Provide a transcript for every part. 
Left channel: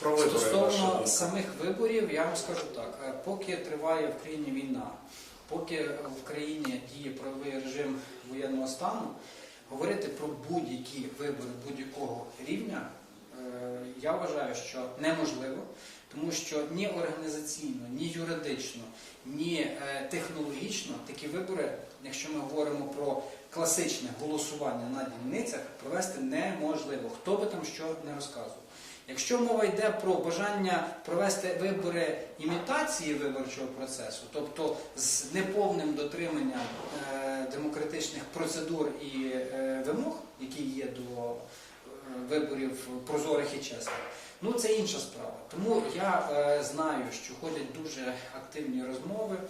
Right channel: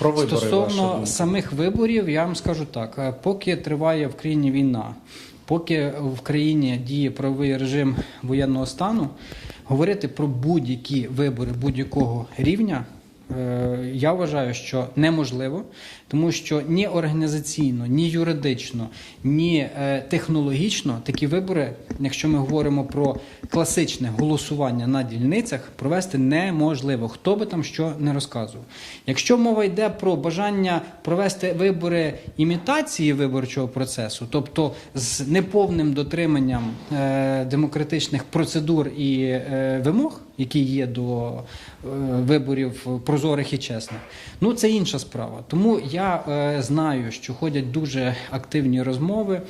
Про вибори Стосовно самих виборів, я вам скажу так: е, поки триває в країні війна, поки в країні діє правовий режим воєнного стану, говорити про будь-які вибори будь-якого рівня. Е, Я вважаю, що неможливо, тому що ні організаційно, ні юридично, ні е, технологічно такі вибори, якщо ми говоримо про класичне голосування на дільницях, провести неможливо. Хто би там що не розказував. Якщо мова йде про бажання провести вибори імітації виборчого процесу, тобто з неповним дотриманням е, демократичних процедур і вимог, які є до е, виборів прозорих і чесних, ну це інша справа. Тому я е, знаю, що ходять дуже активні розмови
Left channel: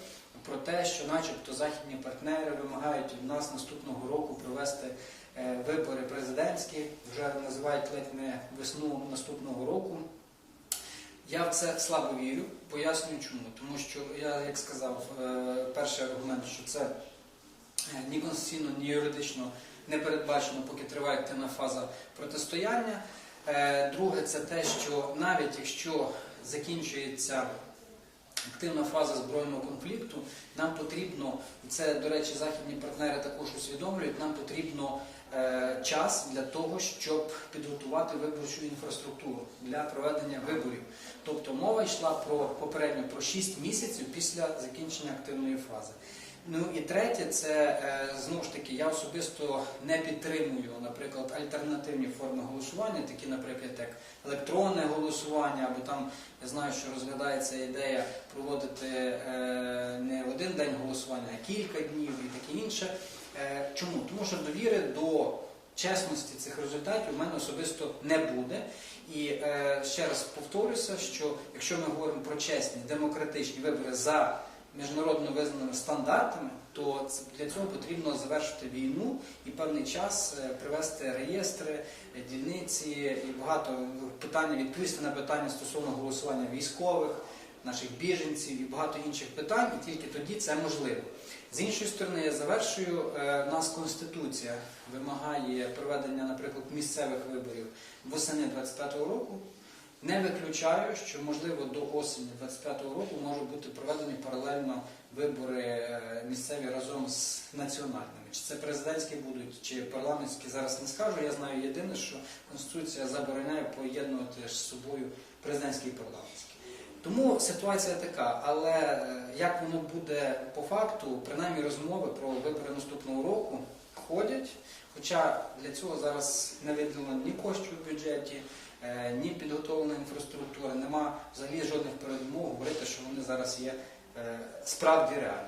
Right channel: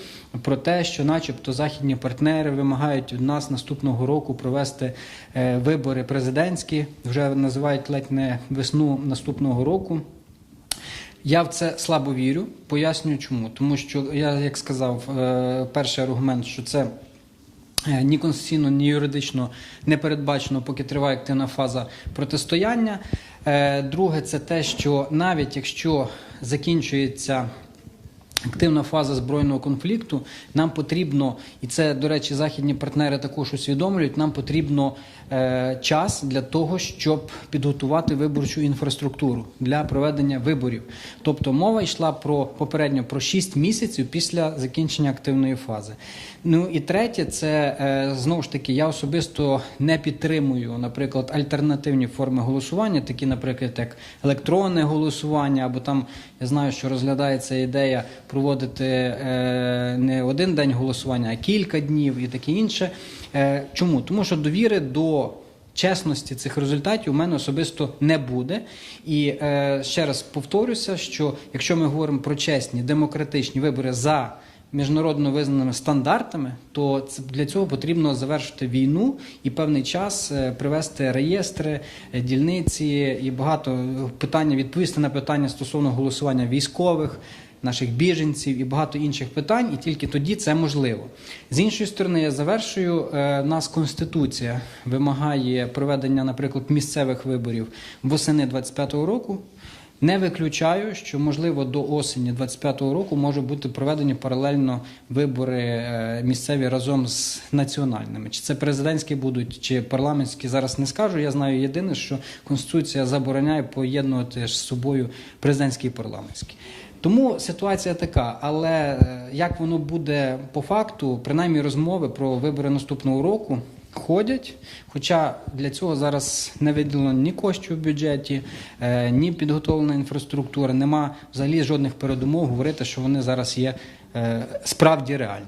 про те, що, начебто, західні партнери вимагають від нас наступного року провести е, вибори президентські, вже називають ледь не весну наступного року. Я в це слабо вірю. Пояснюю чому. Тому що я, як сказав, перший аргумент, що це ні конституційно, ні юридично не передбачено, поки триває активна фаза протистояння. Е, Друге, це те, що навіть якщо закінчується активна фаза збройного конфлікту, нам потрібно, і це, до речі, західні партнери також усвідомлюють, нам потрібно е, час для того, щоб підготувати виборчу інфраструктуру для проведення виборів. Тобто мова йшла про попередньо про 6 місяців після закінчення активної фази. Ну і третє, це е, знову ж таки, я особисто не підтримую, наприклад, альтернативні форми голосування, такі, наприклад, як електронне голосування, або там я знаю, що розглядається ідея проводити е, не один день голосування, а кілька днів і таке інше. Е, чому? Тому що довіри до чесності цих результатів у мене особисто не буде. І е, ще раз повторюся, що якщо ми говоримо про чесні демократичні вибори за міжнародно визнаними стандартами, то для цього потрібно завершити війну і певний час привести реєстри, дільниці і багато питання відповісти на питання стосовно голосування військових. Наших біженців і багато інших питань, і тільки тоді це можливо. З іншої сторони, я завершую. Е, нас конституція вимагає проведення, наприклад, місцевих виборів восени 25-го року. Не виключаю, що можливо до осені 25-го року можуть бути проведені паралельно вибори е, місцеві разом з національними. Чи це президентські будуть, чи парламентські зараз не скажу. Я знаю єдине, що конституція забороняє поєднувати з собою президентські і парламентські. Тому ситуація така, але е, як воно буде по факту, принаймні розмови про вибори наступного року ходять. Хоча для цього зараз не виділено ні коштів в бюджеті, е, ні підготовлена інфраструктура, нема взагалі жодних передумов говорити, що вони зараз є е, справді реальні.